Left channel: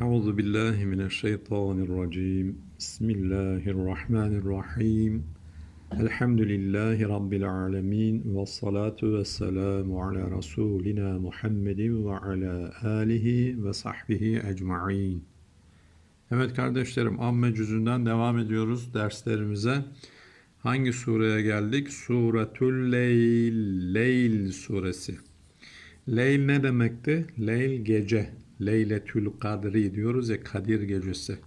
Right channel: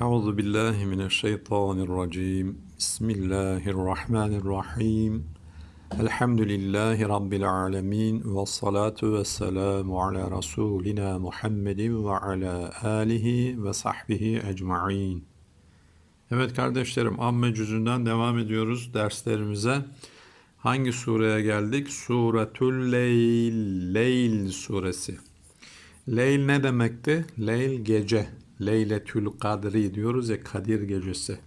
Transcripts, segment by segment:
Euzu billahi mineşşeytanirracim. Bismillahirrahmanirrahim. Elhamdülillahi rabbil alamin ve salatu vesselamu ala rasulina Muhammedin ve ala alihi ve sahbihi ecmaîn. Evet kardeşlerim amme cüzünden devam ediyoruz derslerimize. Hangi sureye geldik? Suretül Leyl, Leyl suresi. Leyl ne demekti? Leyl gece. Leyletül Kadri diyoruz ya Kadir gecesi.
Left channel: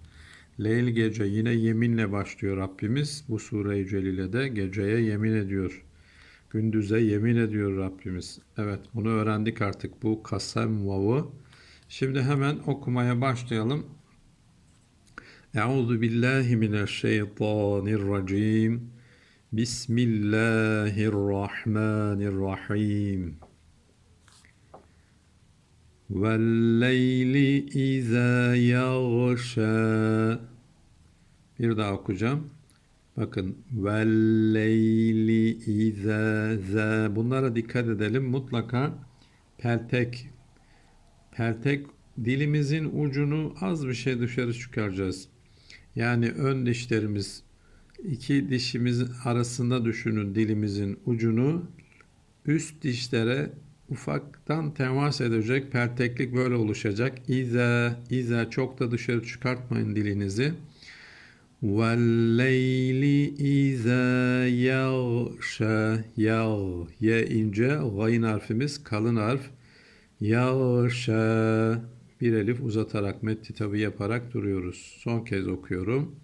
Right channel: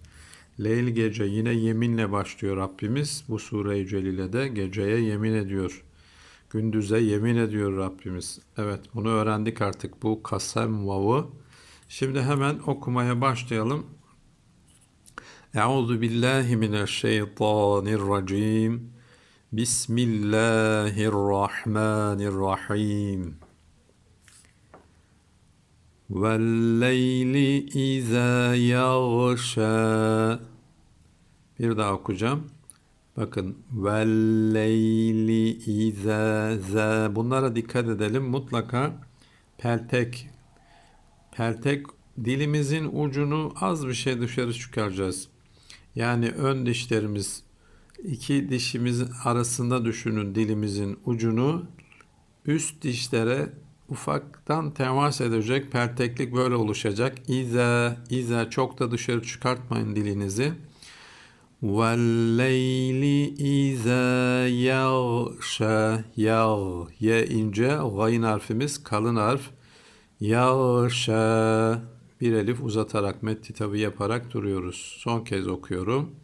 Leyl gece yine yeminle başlıyor Rabbimiz. Bu sure-i celilede geceye yemin ediyor. Gündüze yemin ediyor Rabbimiz. Evet bunu öğrendik artık bu kasem vavı. Şimdi hemen okumaya başlayalım. Euzu billahi mineşşeytanirracim. Bismillahirrahmanirrahim. وَاللَّيْلِ اِذَا يَغْشَى Bir daha okuyacağım. Bakın وَاللَّيْلِ اِذَا ذَا Bunlara dikkat edelim. Mutlaka peltek peltek dilimizin ucunu az bir şey dışarı çıkaracağız. Yani ön dişlerimiz iki dişimiz arasında düşünün dilimizin ucunu üst dişlere ufaktan temas edecek perteklik böyle oluşacak. İze, ize çok da dışarı çıkartmayın dilinizi. Velleyli ize yağşa yağ ye ince gayın harfimiz kalın harf yağşa bir elif uzatarak metti tabi yaparak duruyoruz. Son kez okuyorum.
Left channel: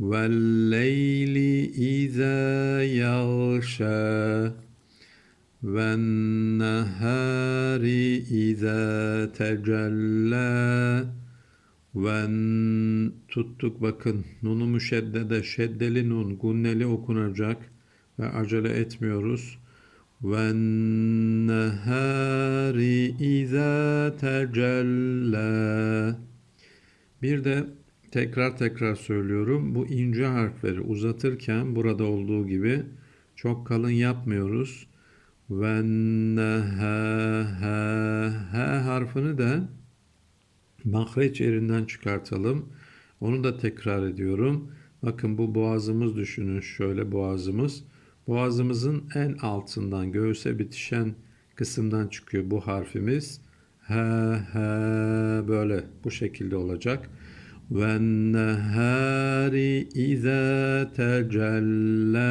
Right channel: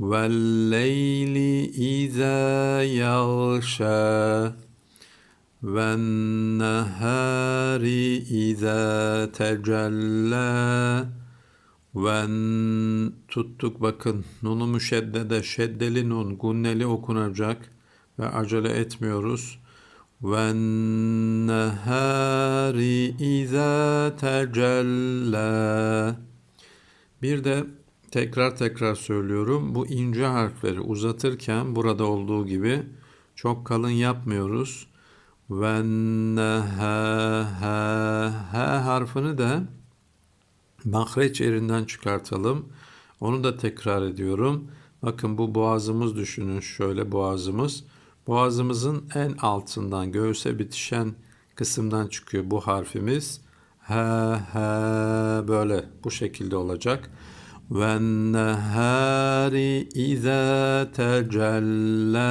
Velleyli ize yağşa والنهار إذا تجلى Ven tuttuk bakın nunu müşeddede şeddeli nun gunneli okunacak ve acele etmiyoruz. Ve nehari iza tecella Bir de tekrar tekrar söylüyorum. Bu ince harfleri uzatırken burada olduğu gibi çok kalın yapmıyoruz. Ve ha, ha, ha harfini de mahreç yerinden çıkartalım. Onu da tekrar ediyorum. Bakın bu boğazımız düşünün şöyle boğazımız. Boğazımızın en altından göğüse bitişen kısımdan çıkıyor bu harfimiz. Ha ha böyle bu şekilde olacak. Ve nehari iza tecella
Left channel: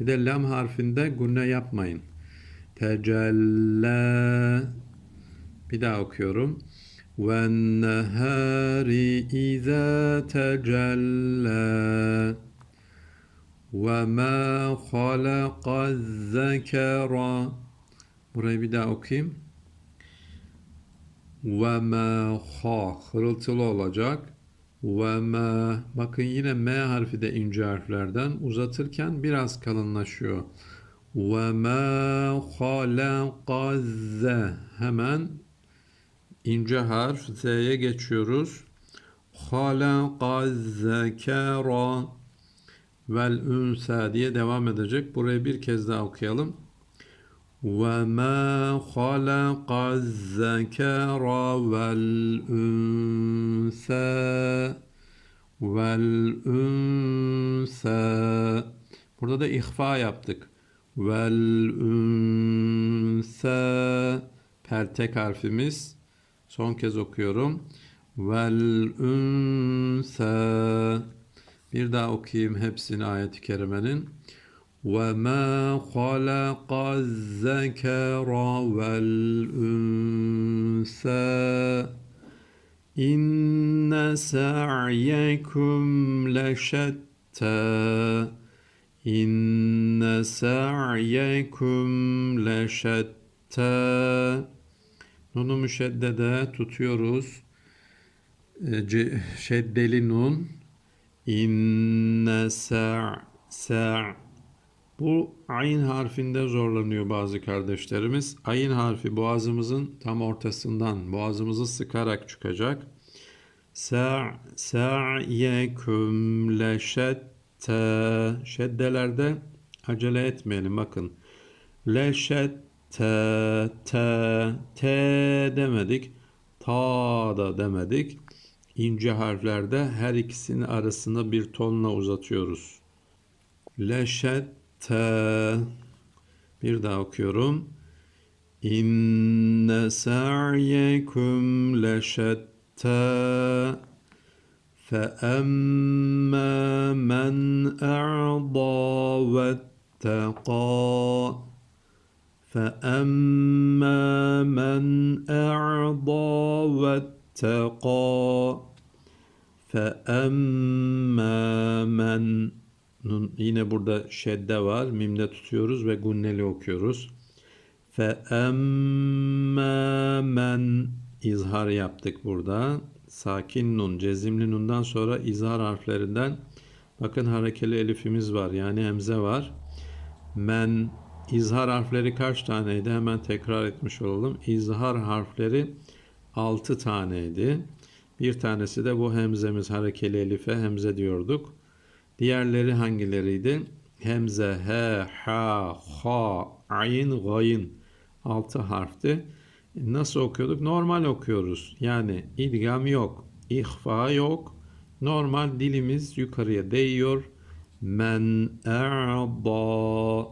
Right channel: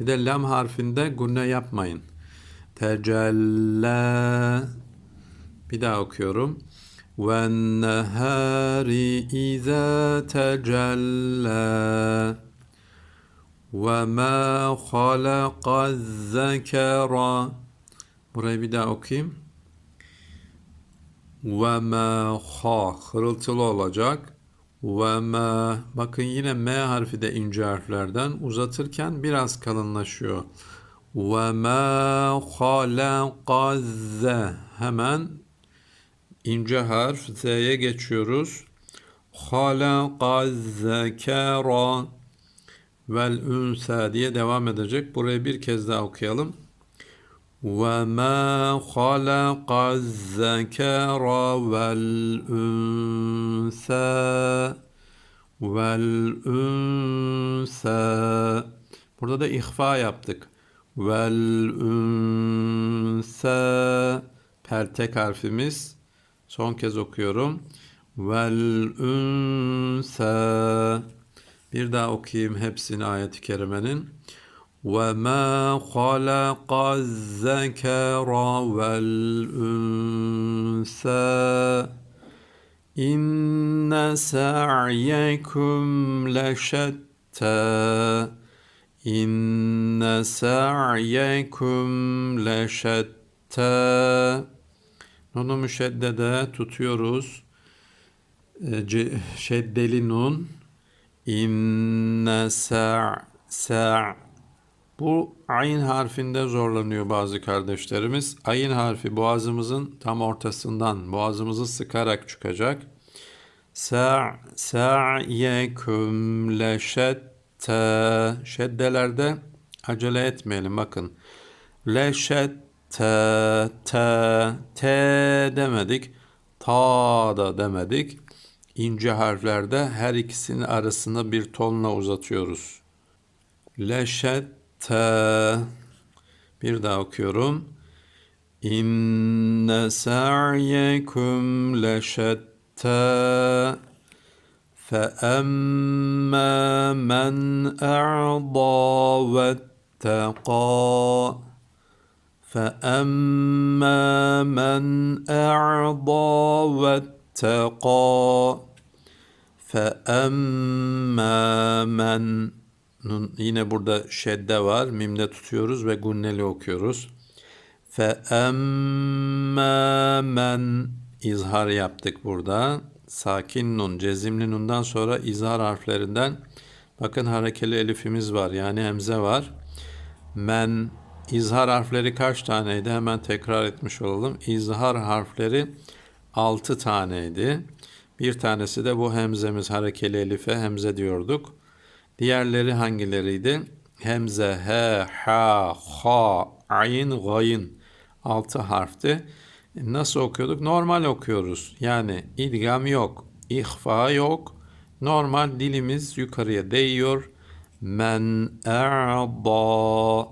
bir de lam harfinde gunne yapmayın. Tecella bir daha okuyorum. Ve nehari iza tecella ve ma halaka zekera Burayı bir daha okuyayım. Ve ma ha hırıltılı olacak. Ve ma bakın yine m harfi de ince harflerden uzatırken biraz kalınlaşıyor. Ve ma halakazze hemen ince harf z'ye geçiyoruz. Halakazzekera vel ünsa diye devam edecek. Burayı bir kez daha okuyalım. Halakazzekera vel ünsa vel ünsa Burada da ihfa yaptık. Vel ünsa pertek harfimiz. Son kez okuyorum. Vel ünsa Bir daha okuyayım hepsini ayet-i kerimenin. وَمَا خَلَقَ الذَّكَرَ وَالْأُنْثَى إِنَّ سَعْيَكُمْ لَشَتَّى إِنَّ سَعْيَكُمْ لَشَتَّى Nunu müşeddede tutuyoruz. Şeddeli nun. İnne sa' sa' Bu ayn harfinde zorlanıyor bazı kardeşlerimiz. Ayın harfi boğazımızın tam ortasından boğazımızı sıkarak çıkacak. Sa' sa'yekum leşette şeddelerde acele etmeyelim bakın. Leşette te te demedik. ta da demedik. İnce harflerde her ikisinin arasında bir tonla uzatıyoruz. Leşette bir daha okuyorum. İnne sa'yekum leşette فأما من أعضى واتقى فأما من أعضى واتقى فأما من Nun, yine burada şedde var. Mimde tutuyoruz ve gunneli okuyoruz. Fe emme men izhar yaptık burada. Sakin nun, cezimli nundan sonra izhar harflerinden bakın harekeli elifimiz var. Yani hemze var. Men izhar harfleri kaç taneydi? Hemen tekrar etmiş olalım. İzhar harfleri 6 taneydi. Bir tanesi de bu hemzemiz harekeli elife hemze diyorduk. Diğerleri hangileriydi? Hemze, he, ha, ha, ayn, gayın. Altı harfti. Nasıl okuyorduk? Normal okuyoruz. Yani idgam yok, ihfa yok. Normal dilimiz yukarıya değiyor. Men a'da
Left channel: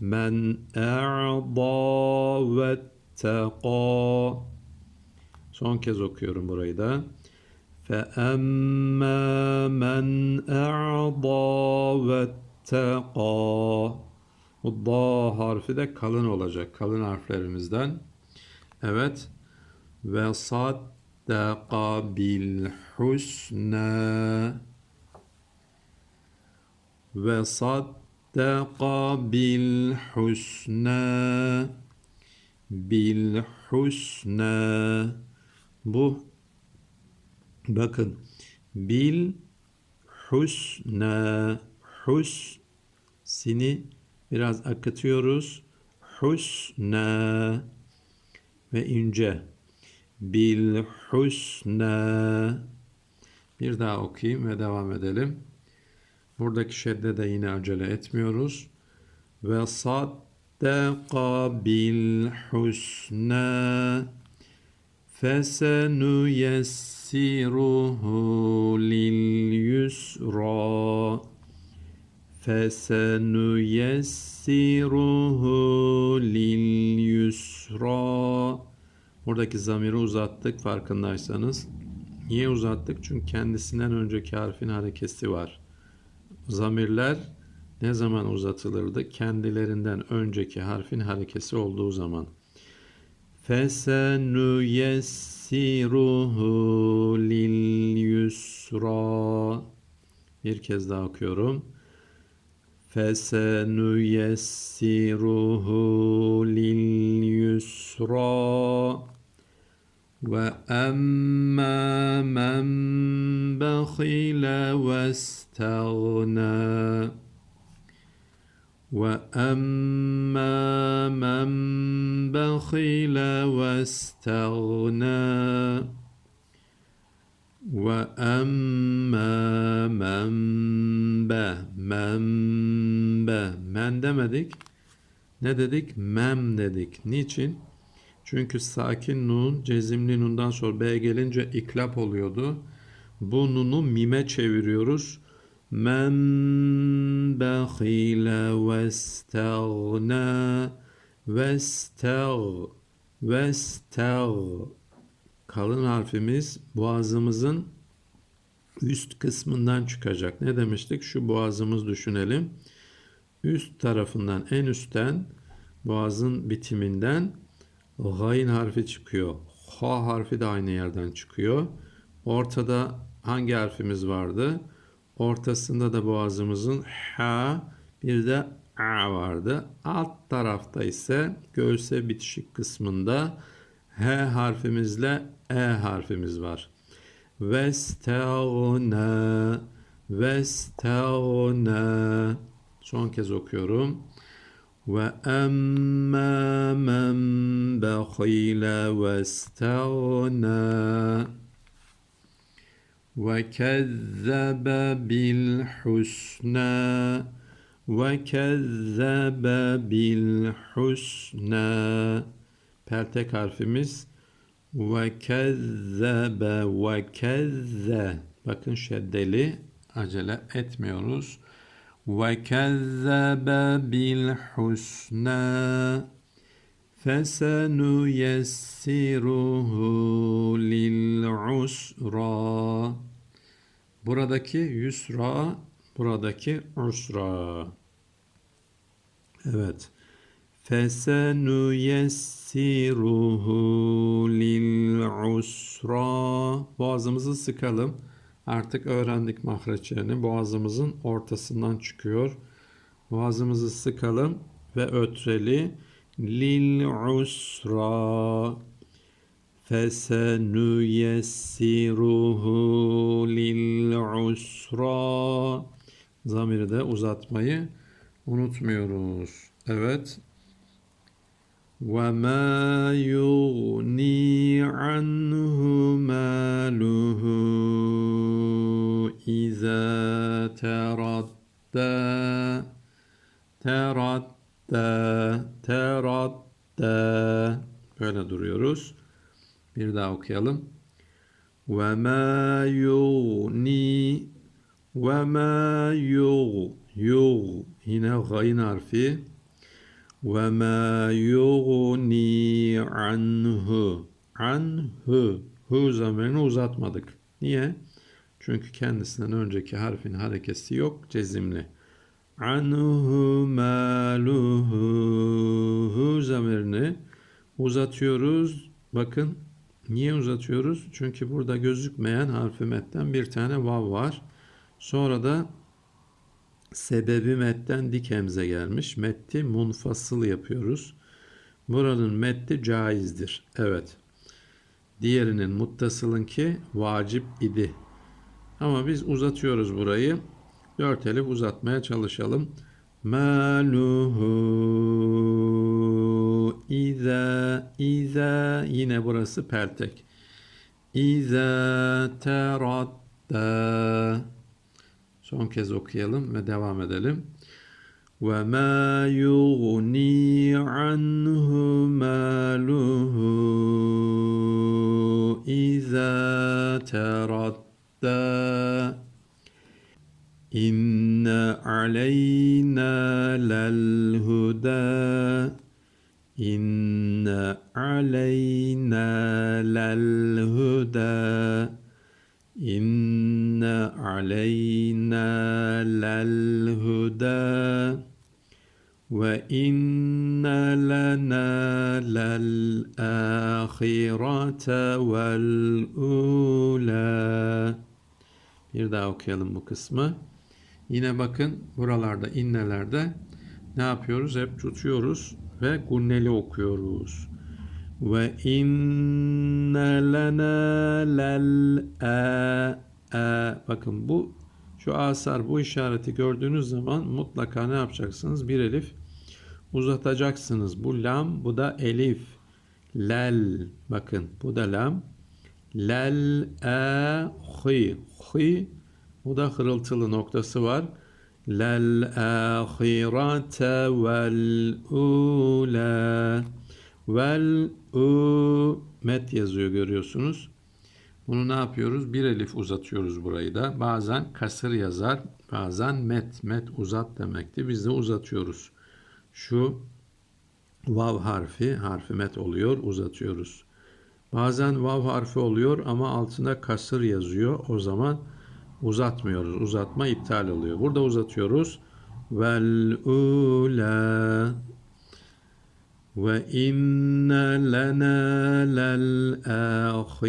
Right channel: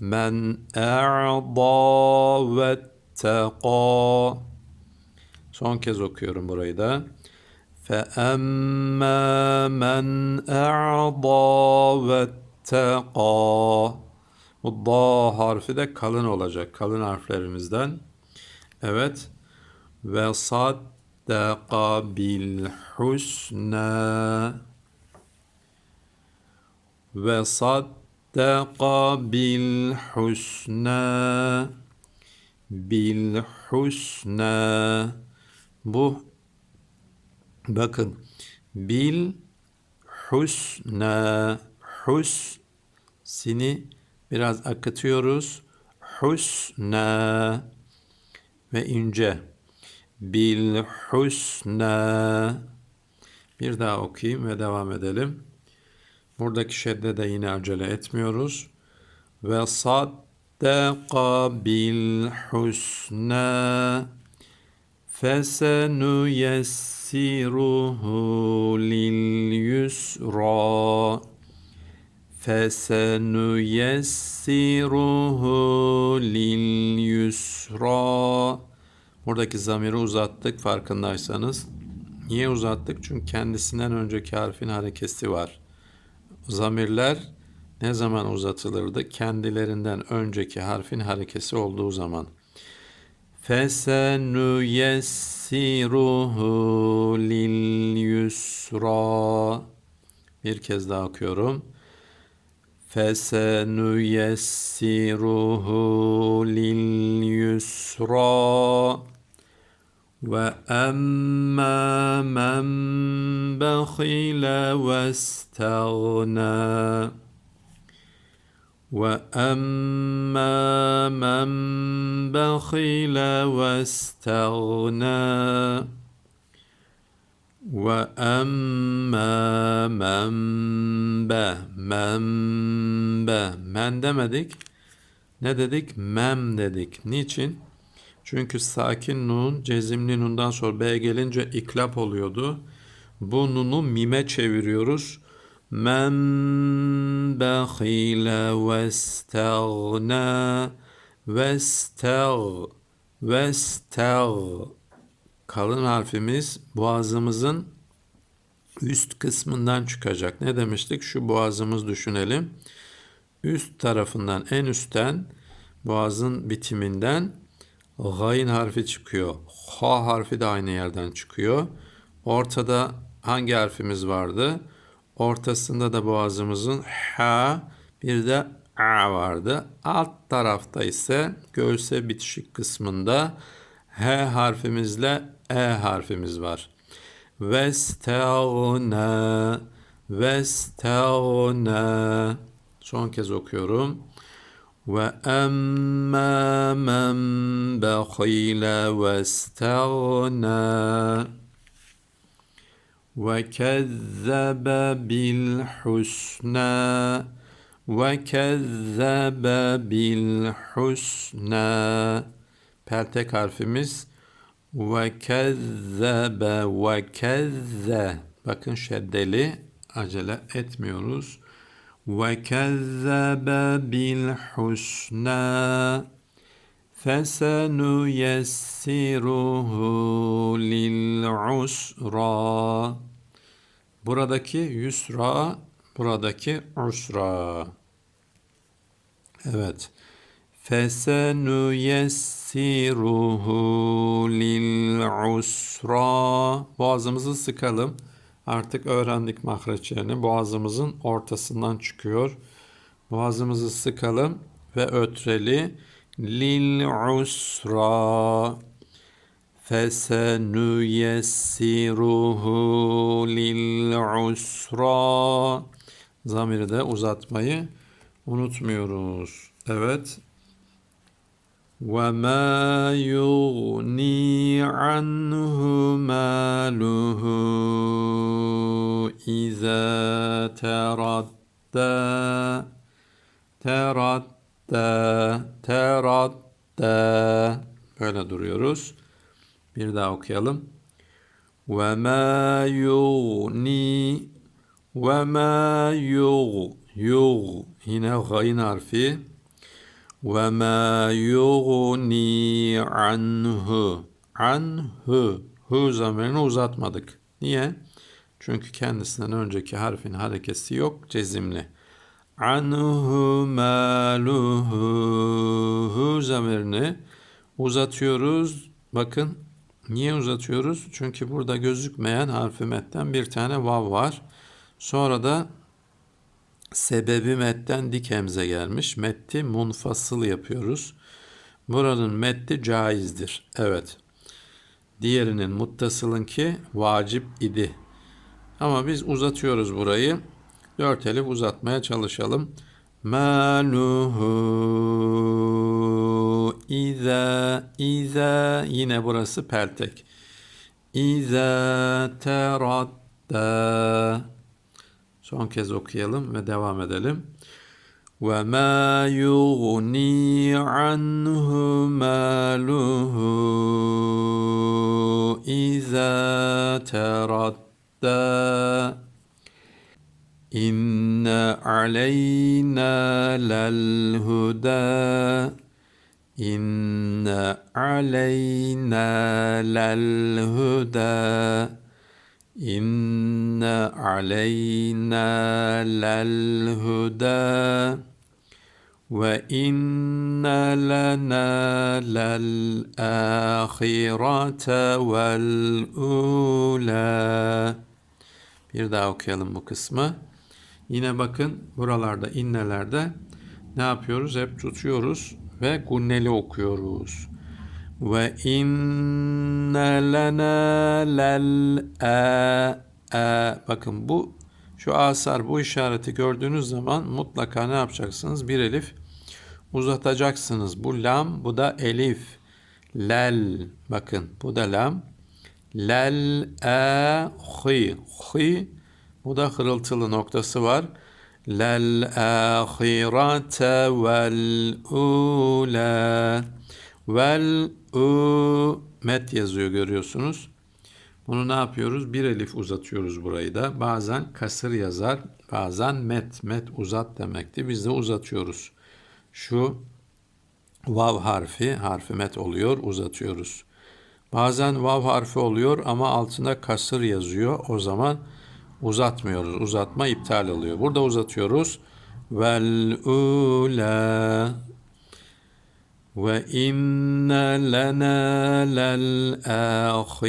men a'da ve teqa Son kez okuyorum burayı da. فَأَمَّا مَنْ أَعْضَى وَاتَّقَى Bu da harfi de kalın olacak. Kalın harflerimizden. Evet. Ve saddaka bil husna ve saddaka bil husna bil husna bu bakın. Bil husna hus sini biraz akıtıyoruz. Husna ve ince. Bil husna. Bir daha okuyayım ve devam edelim. Buradaki şedde de yine acele etmiyoruz. Ve saddaka bil husna yusra fesenuyessiruhu lil yusra Buradaki zamiri uzattık farkındaysanız. Niye uzattık? Çünkü kendisinden önceki harfin harekesi var. Zamirler ne zaman uzatılırdı? Kendilerinden önceki harfin harekesi olduğu zaman. Fesenüyessiruhu lil. Bir kez daha okuyorum. Fesenüyessiruhu lil yusra. Ve emmâ men bekhile ve وأما من بخل واستغنى وأما من به men be men demedik ne dedik mem dedik niçin çünkü sakin nun, cezimli nundan sonra B gelince iklap oluyordu. Bu nunu mime çeviriyoruz. Men behile vestagna vestag vestag kalın harfimiz boğazımızın üst kısmından çıkacak. Ne demiştik? Şu boğazımız düşünelim. Üst tarafından en üstten boğazın bitiminden Gayn harfi çıkıyor. Ha harfi de aynı yerden çıkıyor. Ortada hangi harfimiz vardı? Ortasında da boğazımızın ha bir de a vardı. Alt tarafta ise göğse bitişik kısmında h harfimizle e harfimiz var. Vestauna Vestauna Son kez okuyorum. Ve emmâ men bekhile vestauna وكذب بالحسنى وكذب بالحسنى Peltek harfimiz Ve kezzebe ve kezze. Bakın şeddeli acele etmiyoruz. Ve kezzebe bil husna. Buradaki yusra, buradaki usra. Evet. Fesenuyessiruhu lil usra. Boğazımızı sıkalım. Artık öğrendik mahreçlerini. Boğazımızın ortasından çıkıyor. Boğazımızı sıkalım ve ötreli lil usra. Fesenüyessiruhu lil usra. Zamiri de uzatmayı unutmuyoruz. Evet. Ve ma yughni anhu maluhu iza teradda teradda teradda böyle duruyoruz. Bir daha okuyalım. Ve ma yughni ve ma yugh yugh yine gayn harfi ve ma yughni anhu anhu hu zamirini uzatmadık. Niye? Çünkü kendisinden önceki harfin harekesi yok cezimli. Anhu maluhu hu zamirini uzatıyoruz. Bakın niye uzatıyoruz? Çünkü burada gözükmeyen harfi metten bir tane vav var. Sonra da sebebi metten dik hemze gelmiş. Metti munfasıl yapıyoruz. Buranın metti caizdir. Evet. Diğerinin muttasılınki vacip idi. Ama biz uzatıyoruz burayı. Dört elif uzatmaya çalışalım maluhu iza iza yine burası peltek. İza teradda son kez okuyalım ve devam edelim. Ve ma yughni anhu maluhu iza teradda in عَلَيْنَا لَلْهُدَى إِنَّ عَلَيْنَا لَلْهُدَى إن علينا للهدى وإن لنا للآخرة والأولى Bir daha okuyalım bu kısmı. Yine bakın buralarda innelerde ne yapıyoruz? Hep tutuyoruz ve gunneli okuyoruz. Ve inne lena lel a a bakın bu şu asar bu işareti gördüğünüz zaman mutlaka ne yapacaksınız? Bir elif uzatacaksınız. Bu lam bu da elif. Lel bakın bu da lam. Lel a hi hi bu da hırıltılı noktası var. Lel ahirete vel ula Vel u met yazıyor görüyorsunuz. Bunu ne yapıyoruz? Bir elif uzatıyoruz burayı da. Bazen kasır yazar, bazen met. Met uzat demekti. Biz de uzatıyoruz. Şu vav harfi, harfi met oluyor, uzatıyoruz. Bazen vav harfi oluyor ama altında kasır yazıyor. O zaman uzatmıyoruz. Uzatma iptal oluyor. Burada uzatıyoruz. Vel ula وإن لنا للآخرة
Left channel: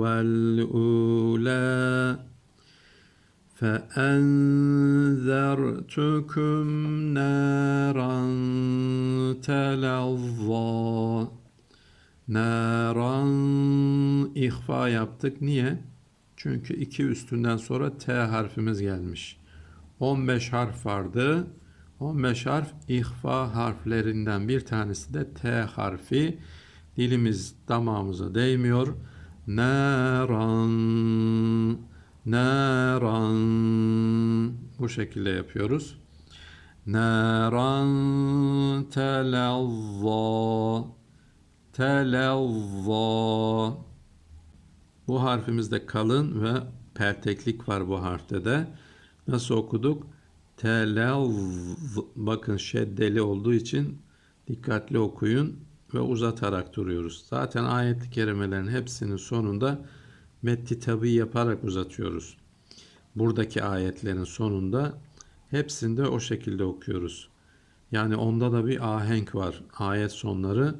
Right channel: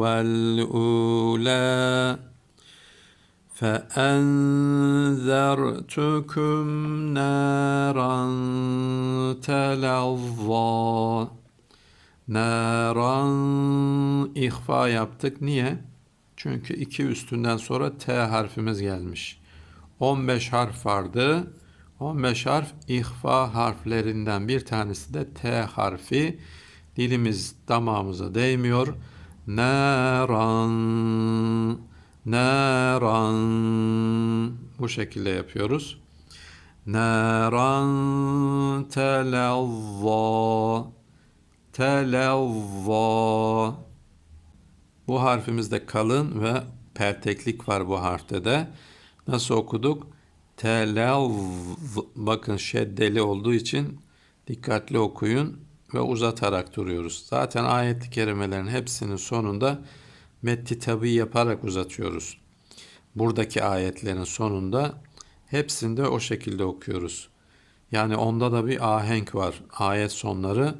والأولى فأنذرتكم نارا تلظى Naran ihfa yaptık. Niye? Çünkü iki üstünden sonra T harfimiz gelmiş. 15 harf vardı. 15 harf ihfa harflerinden bir tanesi de T harfi. Dilimiz damağımıza değmiyor. Naran Naran bu şekilde yapıyoruz. Naran telazza televva. Bu harfimizde kalın ve perteklik var bu harfte de. Nasıl okuduk? Telev. Bakın şeddeli olduğu için dikkatli okuyun ve uzatarak duruyoruz. Zaten ayet-i kerimelerin hepsinin sonunda metti tabi yaparak uzatıyoruz. Buradaki ayetlerin sonunda hepsinde o şekilde okuyoruz. Yani onda da bir ahenk var. Ayet sonları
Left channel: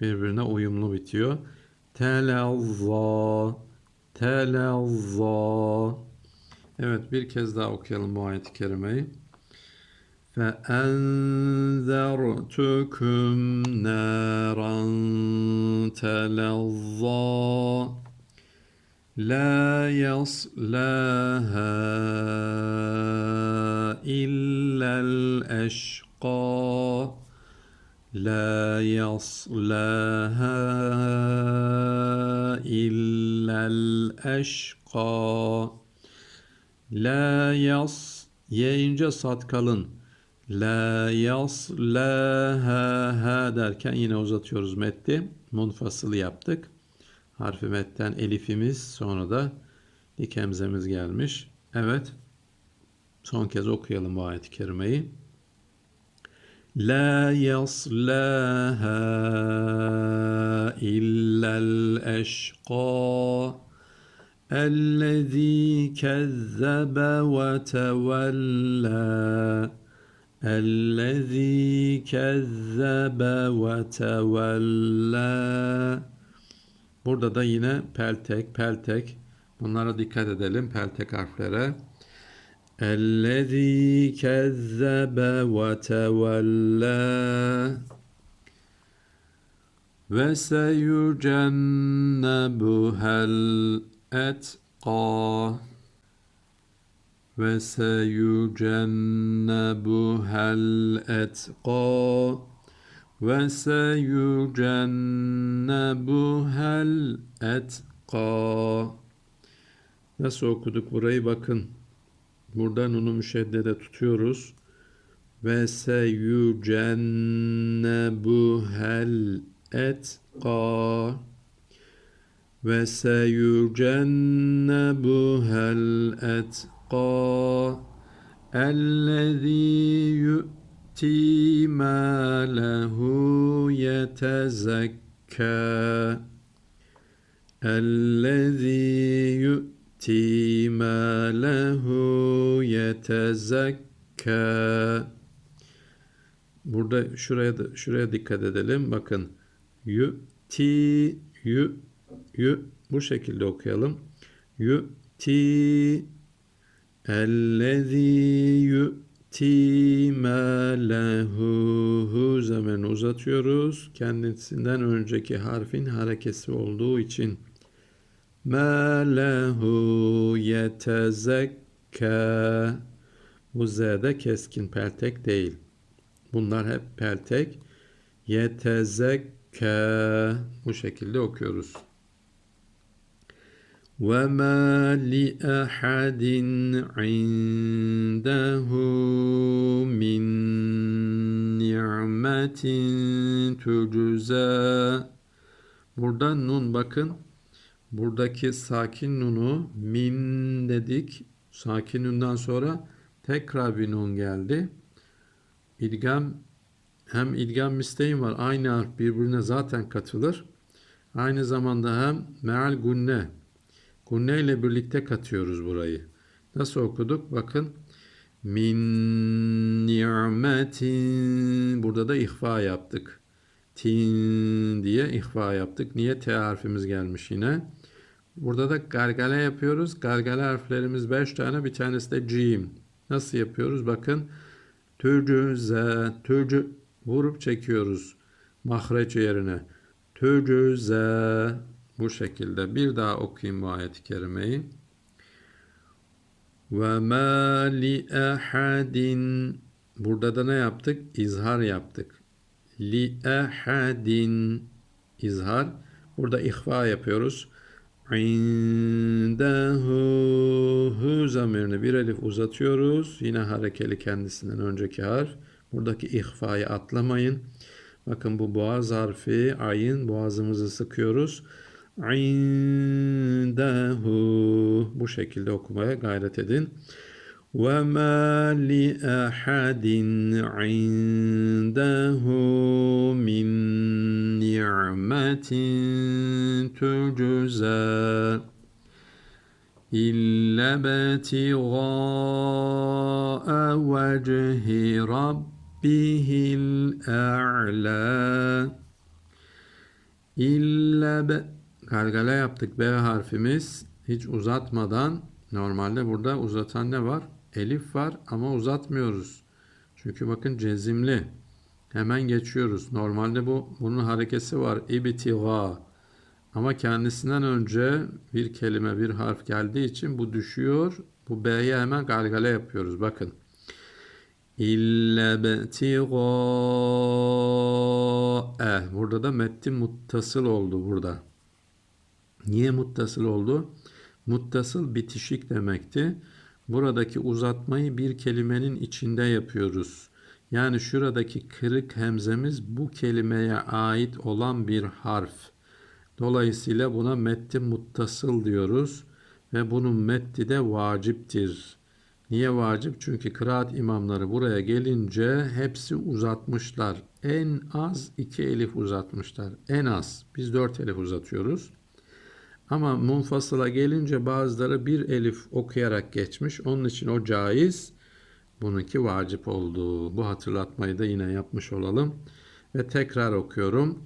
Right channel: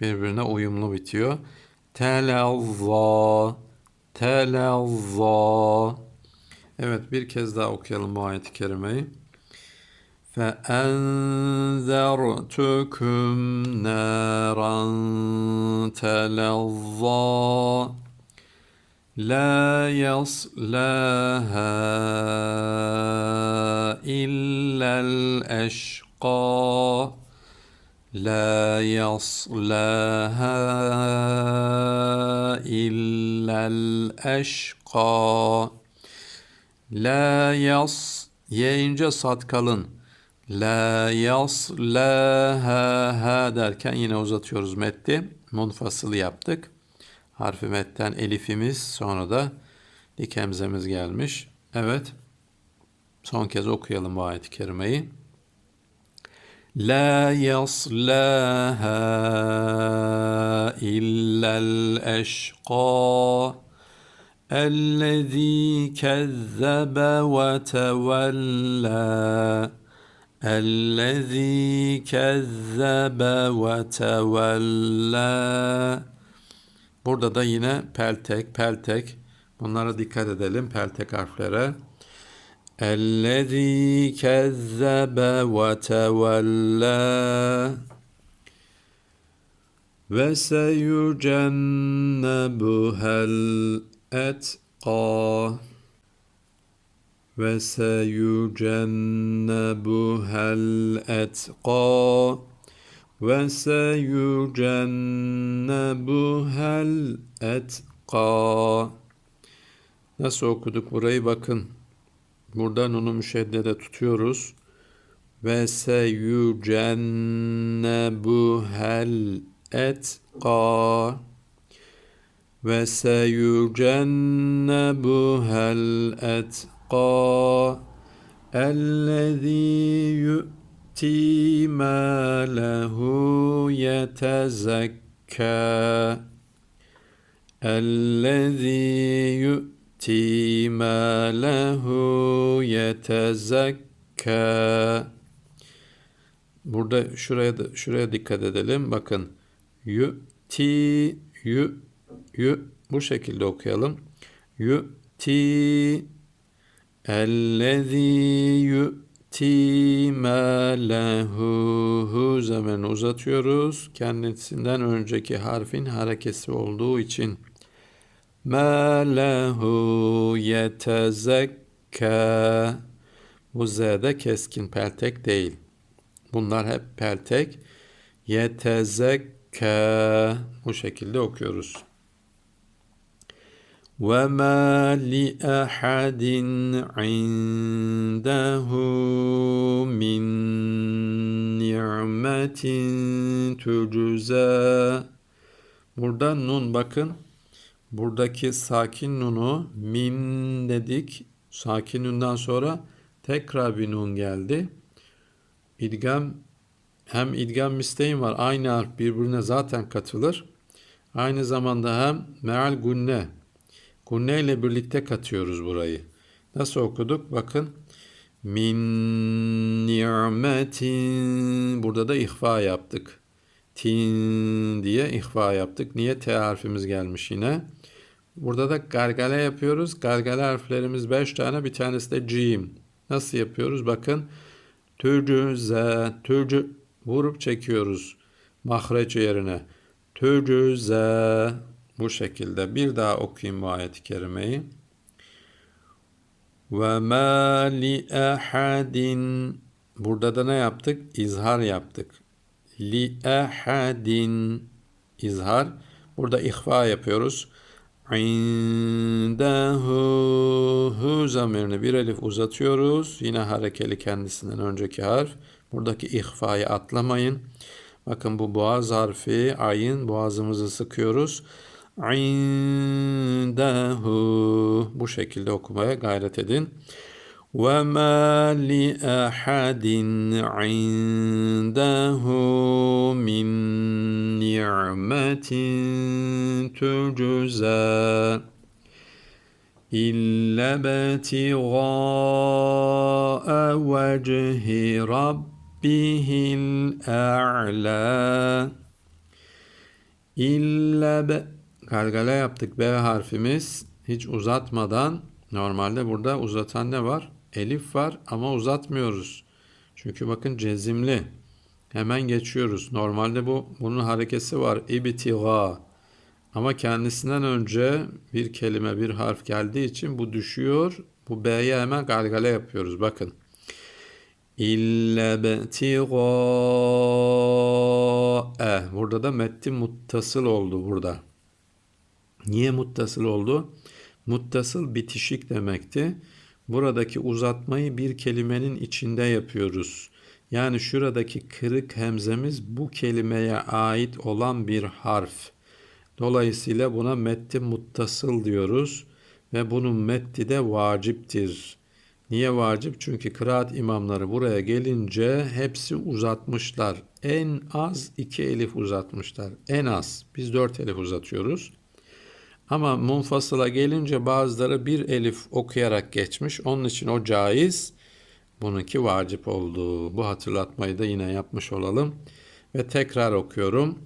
birbirine uyumlu bitiyor. Televva televva Evet bir kez daha okuyalım bu ayet-i kerimeyi. فَاَنْذَرْتُكُمْ نَارًا تَلَظَّى لَا يَصْلَاهَا إِلَّا الْأَشْقَى لا يصلاها إلا الأشقى La yas yayınca sat kalın. La yas la ha ha derken yine uzatıyoruz metti. Munfasıl yaptık. Harfi metten elifimiz sonra da dik hemzemiz gelmiş. Evet. Son kez okuyalım bu ayet-i kerimeyi. La yaslaha illa'l eşqa الذي كذب وتولى الذي كذب وتولى Burada da yine peltek, peltek. Bunlara dikkat edelim peltek harflere. اَلَّذ۪ي كَذَّبَ وَتَوَلَّى وَسَيُجَنَّبُهَا الْأَتْقَى وَسَيُجَنَّبُهَا الْأَتْقَى وَسَيُجَنَّبُهَا الْأَتْقَى Nasıl okuduk burayı bakın. Buradan onu müşeddede tutuyoruz. Ve seyucennebuhel etqa. Ve seyucennebuhel etqa. Ellezî yu'ti mâlehu yetezekkâ ellezî yu'ti يؤتي ماله يتزكى Burada şuraya da şuraya dikkat edelim. Bakın yu'ti yu yu bu şekilde okuyalım. Yu'ti ellezî yu'ti mâlehu hu zaman uzatıyoruz. Kendisinden önceki harfin harekesi olduğu için Ma lehu yetezekka. Bu z'de keskin peltek değil. Bunlar hep peltek. Yetezekka. Bu şekilde okuyoruz. وَمَا لِأَحَدٍ عِنْدَهُ مِنْ نِعْمَةٍ تُجْزَى Burada nun bakın buradaki sakin nunu min dedik. Sakin nundan sonra tekrar bir nun geldi. İdgam hem idgam misteğin var. Aynı harf birbirine zaten katılır. Aynı zamanda hem meal gunne. Gunne ile birlikte katıyoruz burayı. Nasıl okuduk? Bakın. Min ni'metin. Burada da ihfa yaptık. Tin diye ihfa yaptık. Niye T harfimiz gelmiş yine? Burada da gargale yapıyoruz. Gargale harflerimiz 5 tane. Bir tanesi de cim. Nasıl yapıyoruz? Bakın. Türcü, z, türcü vurup çekiyoruz. Mahreç yerine. Türcü, z. Bu şekilde. Bir daha okuyayım bu ayet-i kerimeyi. Ve ma li ahadin Burada da ne yaptık? İzhar yaptık. Li ahadin izhar. Burada ihfa yapıyoruz. İndehu hu zamirini bir elif uzatıyoruz. Yine harekeli kendisinden önceki harf. Buradaki ihfayı atlamayın. Bakın bu boğaz harfi ayın boğazımızı sıkıyoruz. İndehu bu şekilde okumaya gayret edin. وَمَا لِأَحَدٍ عِنْدَهُ مِنْ نِعْمَةٍ تُجْزَى إِلَّا ابْتِغَاءَ وَجْهِ رَبِّهِ الْأَعْلَى İlla be gargala yaptık B harfimiz hiç uzatmadan normalde burada uzatan ne var? Elif var ama uzatmıyoruz. Çünkü bakın cezimli. Hemen geçiyoruz. Normalde bu bunun harekesi var. İbtiga. Ama kendisinden önce bir kelime, bir harf geldiği için bu düşüyor. Bu B'ye hemen gargale yapıyoruz. Bakın. İlle betiga e. Burada da metti muttasıl oldu burada. Niye muttasıl oldu? Muttasıl bitişik demekti. Buradaki uzatmayı bir kelimenin içinde yapıyoruz. Yani şuradaki kırık hemzemiz bu kelimeye ait olan bir harf. Dolayısıyla buna metti muttasıl diyoruz ve bunun metti de vaciptir. Niye vacip? Çünkü kıraat imamları buraya gelince hepsi uzatmışlar. En az iki elif uzatmışlar. En az. Biz dört elif uzatıyoruz. Ama munfasıla gelince bazıları bir elif okuyarak geçmiş. Onun için o caiz. Bununki vacip oldu. Bu hatırlatmayı da yine yapmış olalım. Ve tekrar okuyorum.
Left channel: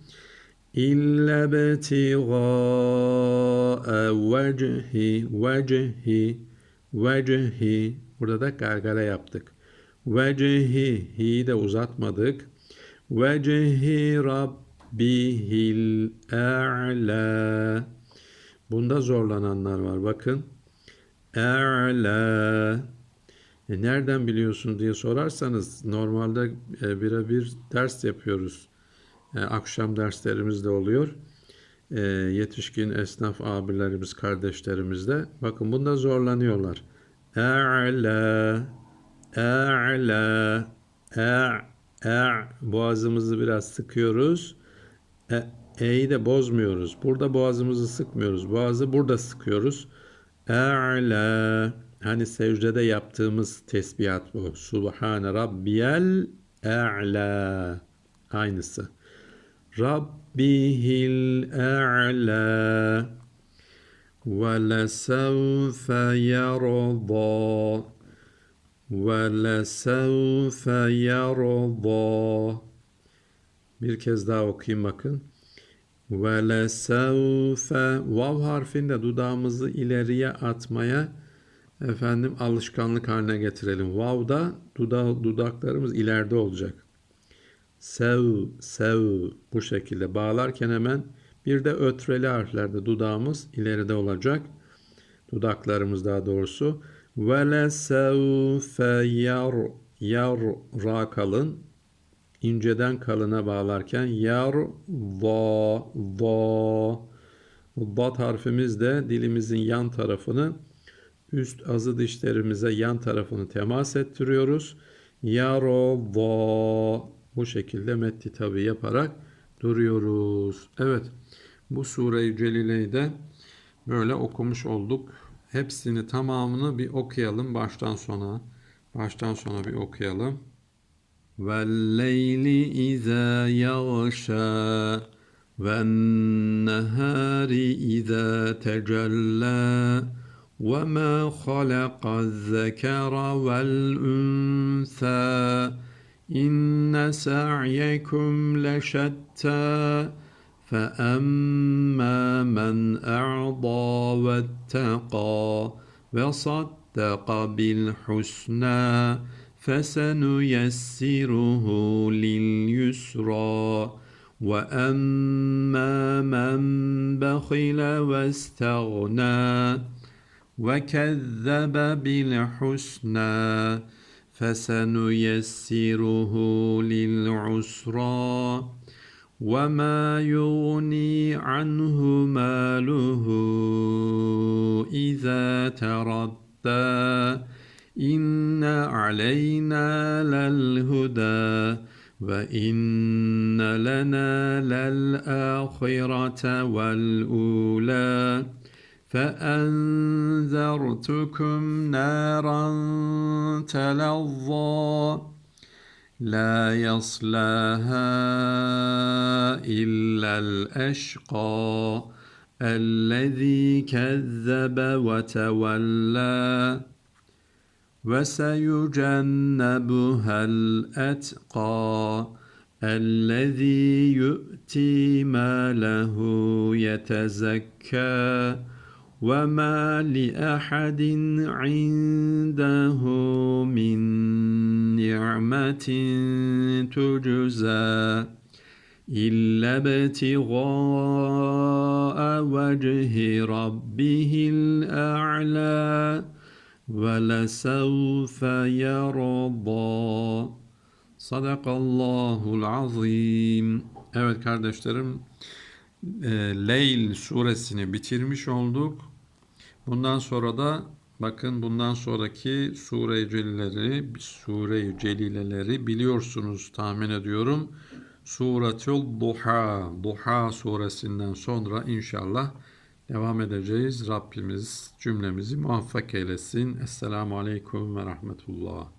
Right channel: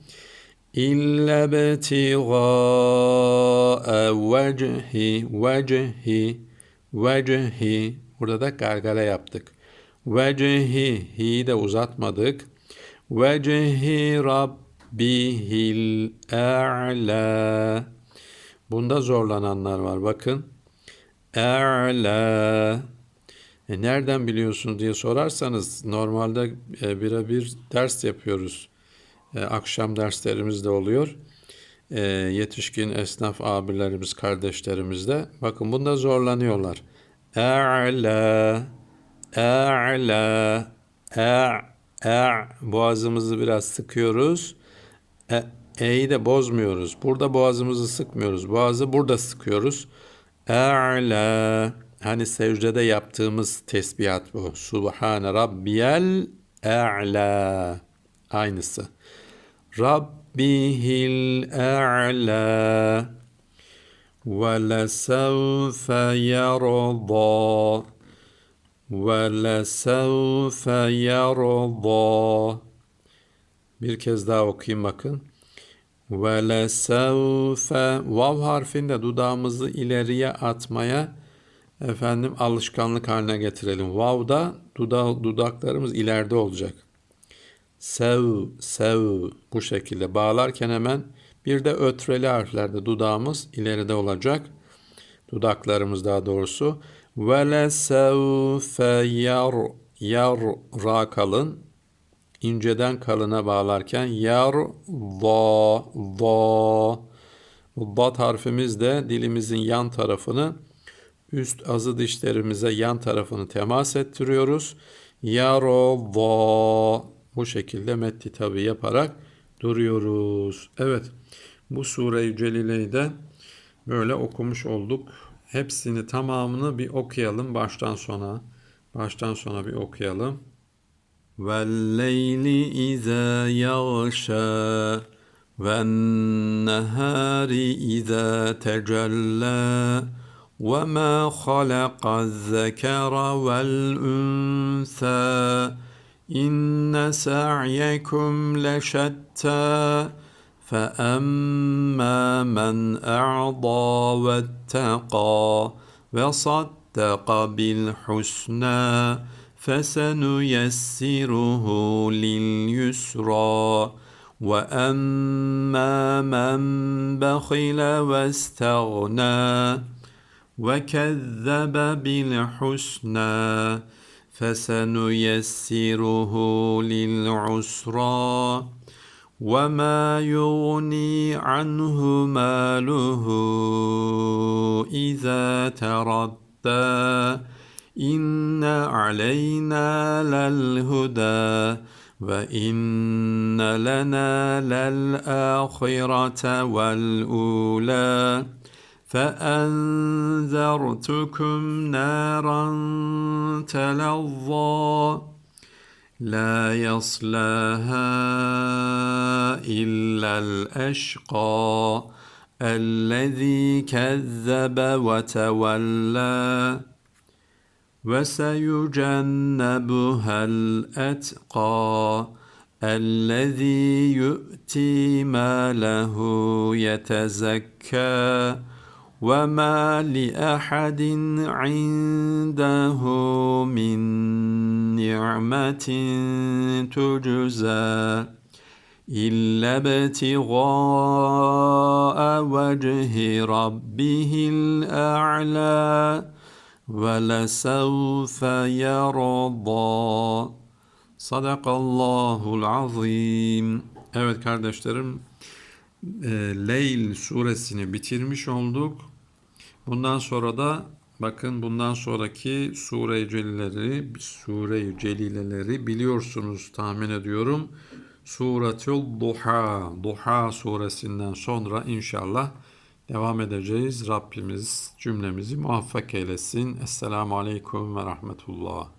İlla betiga'a vecihi vecihi vecihi Burada da gargara yaptık. Vecihi hi'yi de uzatmadık. Vecihi rabbihil a'la Bunda zorlananlar var. Bakın. E'la. E nereden biliyorsunuz diye sorarsanız normalde e, birebir ders yapıyoruz. E, akşam derslerimiz de oluyor. E, yetişkin esnaf abilerimiz, kardeşlerimiz de. Bakın bunda zorlanıyorlar. E'la. E'la. E, e, boğazımızı biraz sıkıyoruz. E, E'yi de bozmuyoruz. Burada boğazımızı sıkmıyoruz. Boğazı burada sıkıyoruz. E'la. Hani secdede yaptığımız tesbihat bu. Subhane rabbiyel e'la. Aynısı. Rabbihil e'la. Ve lesevfe yarda. Ve lesevfe yarda. Bir kez daha okuyayım bakın. Ve lesevfe vav harfinde dudağımızı ileriye atmaya efendim alışkanlık haline getirelim. Vav'da duda, dudaklarımız ileride olacak. Sev, sev bu şekilde bağlarken hemen bir de ötreli harflerde dudağımız ileride olacak. Dudaklarımız daha doğrusu. Ve lesevfe yar, yar ra kalın inceden kalına bağlarken yar va va Bat harfimiz de dilimizin yan tarafını üst azı dişlerimize yan tarafını temas ettiriyoruz. Yaro va bu şekilde metti tabi yaparak duruyoruz. Evet bu sure-i celileyi de böyle okumuş olduk. Hepsini tamamını bir okuyalım baştan sona. Baştan sona bir okuyalım. والليل إذا يغشى والنهار إذا تجلى وما خلق الذكر والأنثى إن سعيكم لشتى فأما من أعضى واتقى وصدق بالحسنى فسنيسره لليسرى وأما من بخل واستغنى وكذب بالحسنى فسنيسره للعسرى وما يغني عنه ماله إذا تردى إن علينا للهدى وإن لنا للآخرة والأولى فأنذرتكم نارا تلظى لا يصلاها إلا الأشقى الذي كذب وتولى وسيجنبها الأتقى الذي يؤتي ماله يتزكى وما لأحد عنده من نعمة تجزى إلا ابتغاء وجه ربه الأعلى ولسوف يرضى Sadakallahul azim. Evet kardeşlerim, e, Leyl suresini bitirmiş olduk. Bundan sonra da bakın bundan sonraki sure-i celileri, sure-i celileleri biliyorsunuz tahmin ediyorum. Suretül Duha, Duha suresinden sonra inşallah devam edeceğiz. Rabbimiz cümlemizi muvaffak eylesin. Esselamu Aleyküm ve Rahmetullah.